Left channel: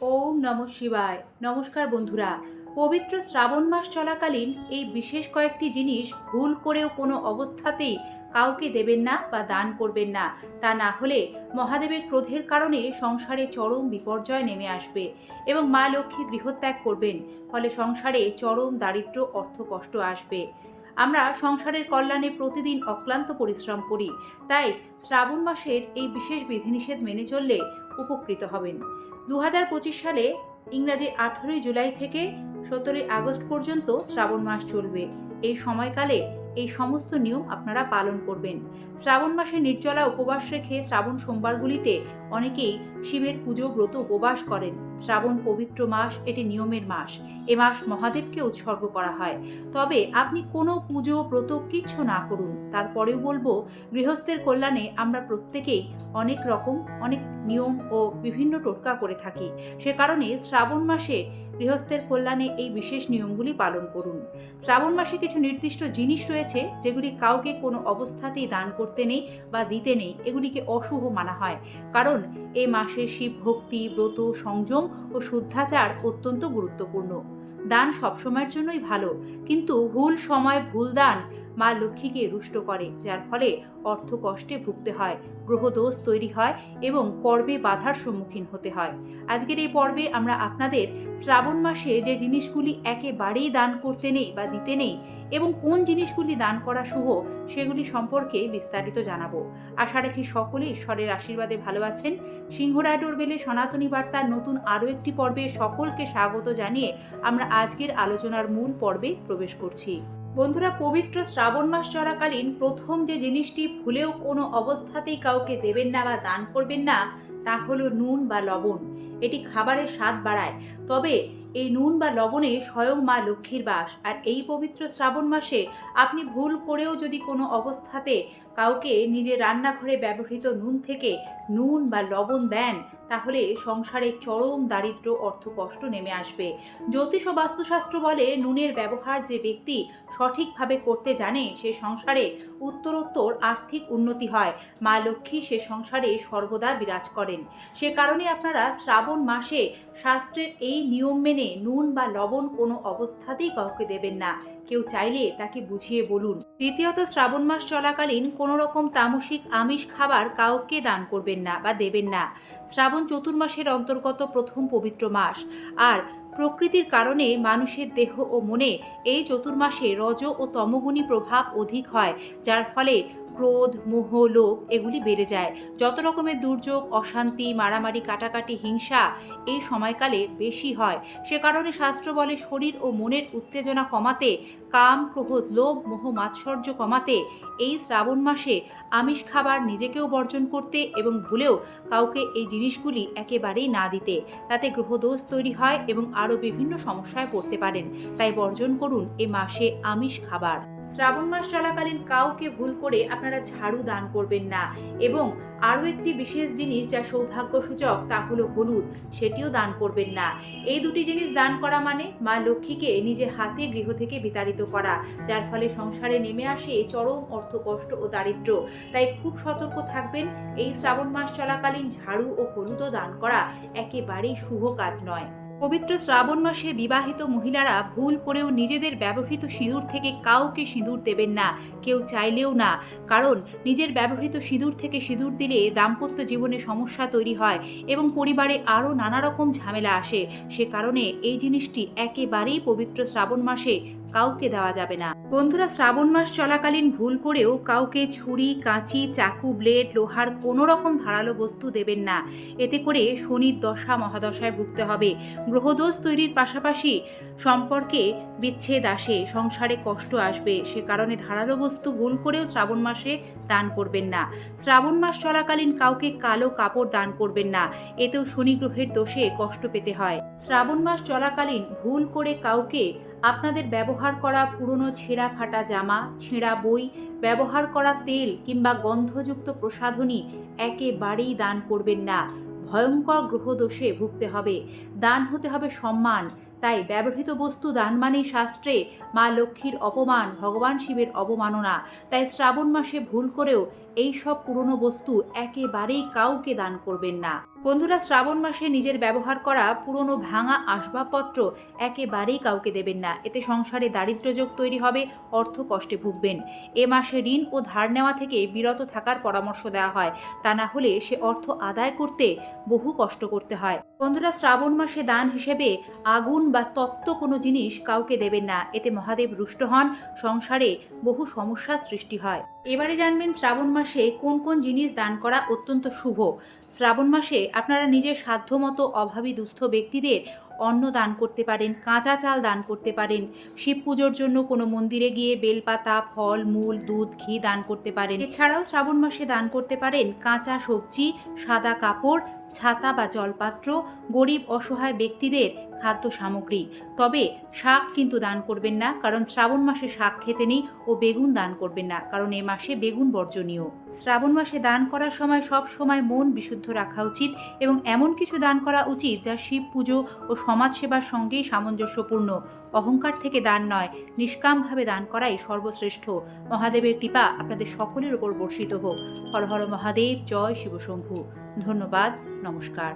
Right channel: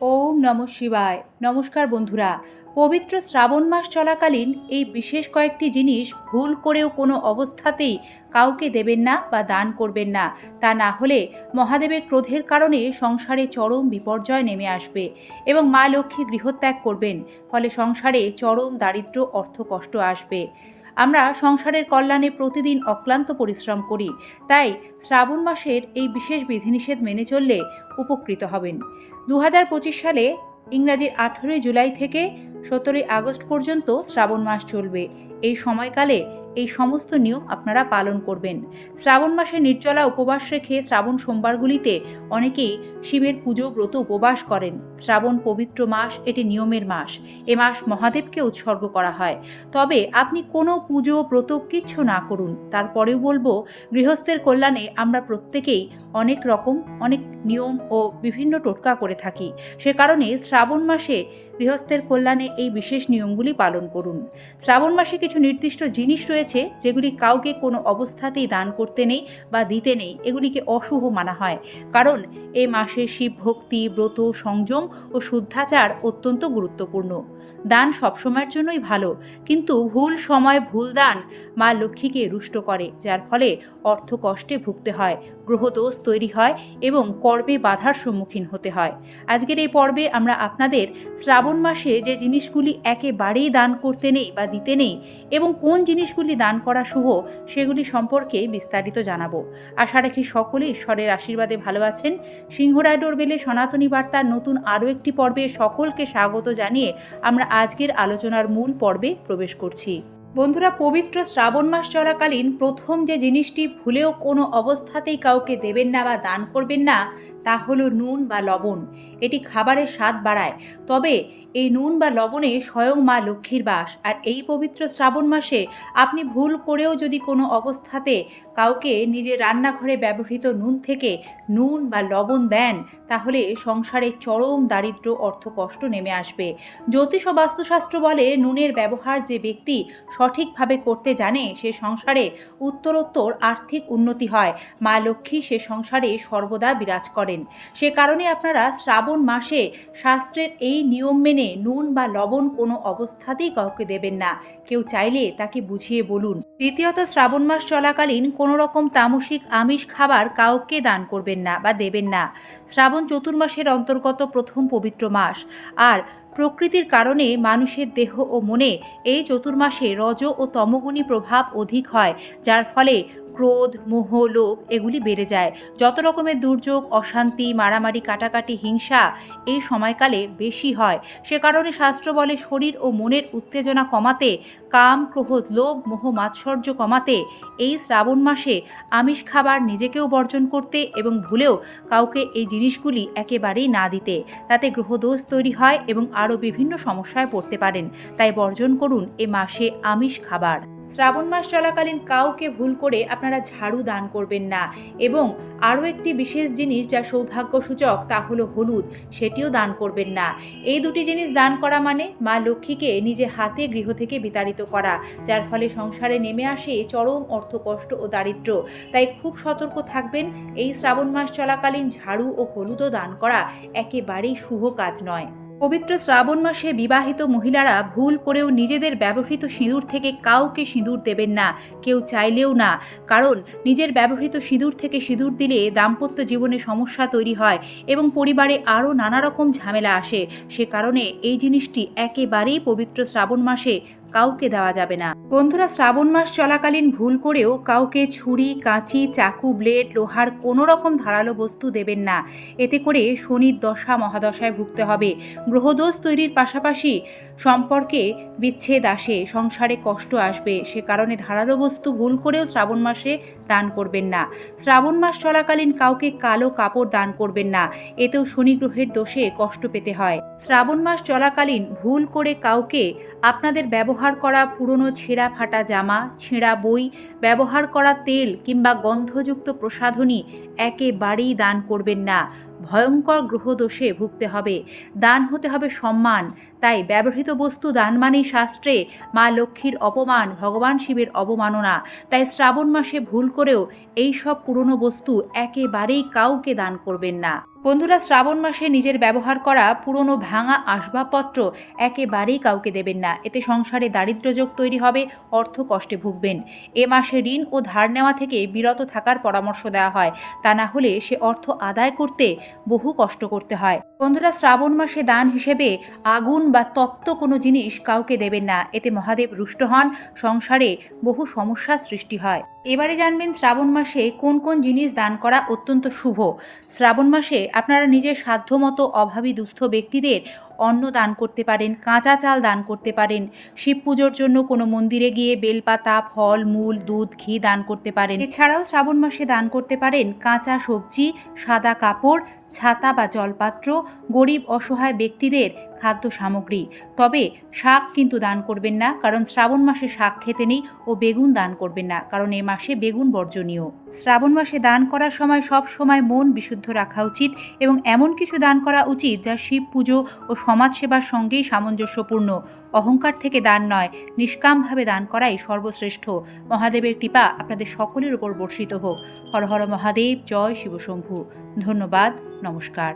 ওম নম শিবায়। নমস্কার বন্ধুরা, পবিত্র শ্রাবণ মাস চলাকালীন এই বিশেষ কয়েকটি জিনিস ভুল করেও কোনো অবস্থাতেই কাউকে দেবেন না বা দান করবেন না। তা না হলে মহাদেবের ক্রোধের কারণে সংসারে চরম বিপর্যয় নেমে আসবে এবং মা লক্ষ্মী গৃহত্যাগ করবেন, ফলে সংসারে চরম দারিদ্র্য অর্থ কষ্ট আসবে। আমরা সংসারের কল্যাণে প্রতিদিন অক্লান্ত পরিশ্রম করি। তাই শ্রাবণ মাসের এই বিশেষ বিধিনিষেধ মেনে চললে উপকৃত হবেন। দু হাজার পঁচিশ সালে ইংরাজির আঠেরোই জুলাই থেকে সতেরোই আগস্ট পর্যন্ত শ্রাবণ মাস চলবে। এই সময়কালে এই সমস্ত নিয়ম আপনারা পালন করবেন। শ্রাবণ মাসে নির্জলা উপবাস রেখে শ্রাবণ সোমবারগুলিতে অনেকেই শিবের পুজো, ব্রত, উপবাস করেন। শ্রাবণ পবিত্র মাস, এটি নিয়মের মাস। এ মাস মহাদেবকে উৎসর্গ করা হয়। তবে আপনি কোনো পুজো, ব্রত কিচ্ছু না করুন। তারপরেও বলব, গৃহস্থের কল্যাণে আমরা প্রত্যেকেই অনেক রকম, অনেক নিয়ম ও বিভিন্ন টোটকা করে থাকি। সে কারণে শ্রাবণ মাসে গৃহস্থের কল্যাণে এই বিশেষ নিয়মগুলি পালন করুন। শ্রাবণ মাসে কিছু নির্দিষ্ট জিনিস রয়েছে যেগুলি কাউকে কোনো অবস্থাতেই দান করতে নেই বা দিতে নেই, এগুলিকে অশুভ মানা হয়। কারণ এ মাসে শিব ভক্তি ব্রত, সংযম ও শুদ্ধাচার অত্যন্ত গুরুত্বপূর্ণ। দান সবসময়ের জন্যই ভালো, কিন্তু ভুল সময় ভুল দান মা লক্ষ্মীকে রুষ্ট করে, যার ফলে অর্থ কষ্টে ভুগতে হয়, গ্রহদোষ তৈরি হয় এবং কর্মে বাধার সম্মুখীন হতে হয়। আজকের এই পর্বে আমরা আপনাদের শ্রাবণ মাসে যে জিনিসগুলি একেবারেই দান করতে নেই বা দিতে নেই এবং কোন জিনিসগুলি দান করা শুভ সেগুলি সম্পর্কে বিস্তারিত জানাব। আশা রাখি সকলে ঈশ্বরের আশীর্বাদে ভালো আছেন। সিংহরায় ডোরবেলে সনাতনী বার্তার নতুন আরও একটি পর্বে সকলকে স্বাগত জানিয়ে আমরা আজকের আলোচনার মূল পর্বে প্রবেশ করছি। বন্ধুরা, পবিত্র শ্রাবণ মাস চলাকালীন প্রথম যে জিনিসটি ভুলেও কোনো অবস্থাতেই কাউকে দেবেন না বা দান করবেন না, তা হলো নুন বা লবণ। এটি খাবারের স্বাদ বাড়ায়। তবে এই নুন বা লবণে স্বয়ং মা লক্ষ্মীর বাস। আর এই পবিত্র শ্রাবণ মাসে আপনি ভুল করেও যদি কোনো অবস্থাতে কাউকে নিজের রান্নাঘরে ব্যবহৃত নুন থেকে নুন বা লবণ দেন, তাহলে সংসারে চরম দারিদ্র অর্থ কষ্ট নেমে আসবে। জ্যোতিষ ও বাস্তুশাস্ত্র বলে নুনের ব্যবহার যে ব্যক্তি সঠিকভাবে করতে জানে, সে সংসারে উত্তরোত্তর আর্থিক উন্নতি হয়। মা লক্ষ্মী সে সংসারে সর্বদা বিরাজ করেন। সে কারণে আপনারা শ্রাবণ মাসে শাস্ত্রের এই নিয়ম মেনে নুন বা লবণ কোনো অবস্থাতেই কাউকে দেবেন না। কেউ চাইলে তাকে বুঝিয়ে বলুন। দ্বিতীয়ত, শ্রাবণ মাস চলাকালীন কোনো রকম তামসিক আমিষ খাবার কাউকে দান করবেন না বা দেবেন না। শ্রাবণ চতুর্মাসের অন্তর্গত প্রথম পবিত্র মাস। আর প্রকৃতির কারণে মানুষের দেহ ও মনে এই চতুর্মাসে রজ ও তমগুণী প্রভাব অধিক হয়, যার ফলে ক্রোধ, মোহ, লোভ এগুলি বেড়ে যায়। যত রকমের দুর্যোগ, অশান্তি, মারামারি, কাটাকাটি, হিংসা এই সময়কালে বেশি হয়। সে কারণে শাস্ত্র বলে শরীর ও মনের উত্তেজনা কমাতে, কাম, ক্রোধ, লোভ, মোহ, মাৎসর্য কমাতে এই শ্রাবণ মাসে আমিষ খাবার নিজেকেও বর্জন করতে এবং ভুলেও কাউকে এই জিনিসগুলি একেবারেই না দিতে। তাতে গ্রহদোষ তৈরি হয় এবং আরও বিভিন্ন সমস্যায় পড়তে পারেন। তাই বর্জন করুন এ মাসে আমিষ খাবার। শ্রাবণ মাস চলাকালীন কাউকে ভুল করে আপনারা ঝাড়ু দান করবেন না। এবং আরও একটি বিশেষ জিনিস যা সৌভাগ্য সূচক তা হলো হলুদ, সেটিও দান করবেন না। এই দুটি জিনিস দান করা মানে মা লক্ষ্মীকে নিজে হাতে গৃহ থেকে বিতাড়িত করা, যার ফলে সংসারে নেমে আসে চরম অর্থ কষ্ট ও দারিদ্র্য। তাই খুব সতর্ক থাকবেন, এই শ্রাবণ মাস চলাকালীন ঝাড়ু ও হলুদও দান করা একেবারেই শুভ কাজ নয়। পবিত্র শ্রাবণ মাসে বিবাহিত মহিলারা ভুল করেও নিজেদের ব্যবহৃত সিঁদুর থেকে কাউকে সিঁদুর দেবেন না, কেউ চাইলেও না। কারণ, নিজের ব্যবহৃত সিঁদুর থেকে সিঁদুর দিলে দাম্পত্য জীবনে সমস্যা তৈরি হয় এবং পরিবারে আরও নানা রকম ঝামেলা আসে। সে কারণে এই জিনিসটি একেবারেই পবিত্র শ্রাবণ মাসে কাউকে দেওয়া যাবে না। বন্ধুরা, শ্রাবণ মাস চলাকালীন ভুল করেও কাউকে ছুরি, কাঁচি, চাকু, ব্লেড, লোহার কোনো রকম ধারালো বস্তু দেবেন না। এতে করে শনির দশা মহাদশায় ভুগতে হবে। গ্রহদোষ তৈরির পাশাপাশি সম্পর্কে বিচ্ছেদ আসে, সংসারে কষ্ট আসবে। সে কারণে ধারালো বস্তু ভুল করেও শ্রাবণ মাসে দান করবেন না। শ্রাবণ মাস চলাকালীন কাউকে কালো কাপড় দান করবেন না। এতেও শনি গ্রহের দোষে কষ্ট পেতে হয়। শ্রাবণ মাস চলাকালীন ভুল করে কাউকে আপনাদের ব্যবহার করা পুরনো ছেঁড়া ফাটা জামা, ছেঁড়া বই, ব্যবহার করা তেল কিংবা গন্ধযুক্ত প্রসাধনী একেবারেই দান করবেন না। ভয়ঙ্কর গ্রহদোষে ভুগতে হবে। দান হতে হবে সম্মান। তাই ব্যবহৃত বস্তু দান মানেই শাস্ত্রে মা লক্ষ্মীর অপমান, ভগবান শিবের অবমাননা। তাই শ্রাবণ মাসে ভুল করেও এই সব পুরনো বস্তু একেবারেই কাউকে দান করবেন না। বন্ধুরা, শ্রাবণ মাসে নিজের ব্যবহার করা পুরনো ভাঙা আসবাবপত্র একেবারেই কাউকে দেবেন না। এতে সংসারে দারিদ্র্যযোগ তৈরি হবে, অর্থ কষ্টে ভুগবেন। এ মাসে ঋণ ও ধার নেওয়া থেকে বিরত থাকার পরামর্শ দেওয়া হয়। তা না হলে সে অর্থ আদায় করতে বহু কষ্ট করতে হয়। বন্ধুরা, শ্রাবণ মাসে দান হিসেবে আগুন বা তপ্ত কোনো জিনিস কাউকে দেবেন না। এতে মহাদেব রুষ্ট হন। সংসারে বহু সমস্যার সৃষ্টি হয়। এবারে জানবেন শ্রাবণ মাসে কোন কোন জিনিস দান করা অত্যন্ত শুভ। শ্রাবণ মাসে আপনারা নিজের সাধ্যমতো অভাবী দুস্থ ব্যক্তিদের অন্ন দান করতে পারেন, কাঁচা চাল দান করতে পারেন, শিব পুজোর জন্য কোনো মন্দিরে গিয়ে বেলপাতা, ফল, মূল, দুধ, ঘি দান করতে পারেন। এছাড়াও শ্রাবণ মাসে দান করতে পারেন কাঁচা সবজি, সাদা কাপড়, ছাতা বা জলপাত্র, গরিব অসহায় ব্যক্তিদের খাদ্য সামগ্রী। তবে শাক কিন্তু দান করবেন না, কারণ শ্রাবণ মাসে শাক খেতে নেই ও বেগুন দান করবেন না, কারণ এ মাসে বেগুন বর্জনীয়। শ্রাবণ মাসে দান করার সময় সব সময় মন বিশুদ্ধ রাখা উচিত এবং এমন কিছু দান করা উচিত যা শিব পুজো ও সমাজসেবার সঙ্গেই সামঞ্জস্যপূর্ণ। অহংকার থেকে দান নয়, নিষ্কামভাবে দান করাই সর্বশ্রেষ্ঠ। মহাদেবের কৃপা আপনাদের সকলের উপর বর্ষিত হোক। হর হর মহাদেব, জয় শিবশম্ভু। ধন্যবাদ, নমস্কার।